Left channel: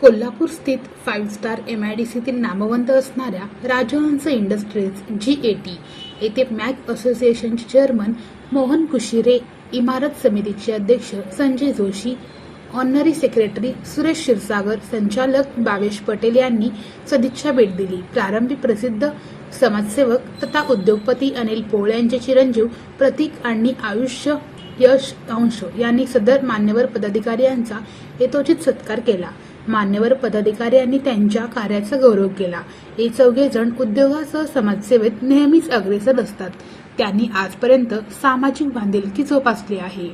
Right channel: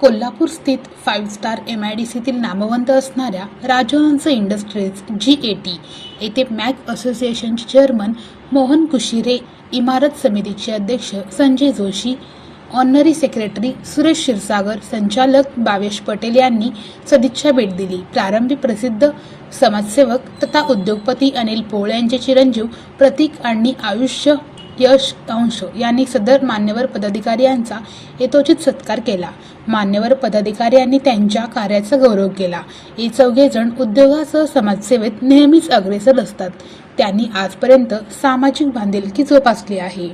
कोल्हापूर स्थित five star M I D सीतील नामवंत असणाऱ्या Rajhans Industries G A T येथे मॅक असोसिएशनचे चेअरमन मोहन कुशिरे इमारत समितीचे अध्यक्ष संजय जोशी ऑनरी सेक्रेटरी सुरेश क्षीरसागर संचालक भावेश पटेल यांनी सदिच्छा भेट दिली. प्रारंभी प्रसिद्ध समाजसेवक तथा उद्योगपती अनिल पोळ यांचे चिरंजीव प्रतीक आणि आयुष्य यश अंश यांनी सदर मान्यवर पदाधिकारी यांचा यथोचित सत्कार केला. मान्यवर पदाधिकारी यांनी त्यांच्या कार्याचा गौरव केला. हे चौघे जण उद्योगासह समाजसेवेत नेहमीच अग्रेसर असतात. त्यांनी आजपर्यंत सामाजिक बांधिलकी जोपासली आहे.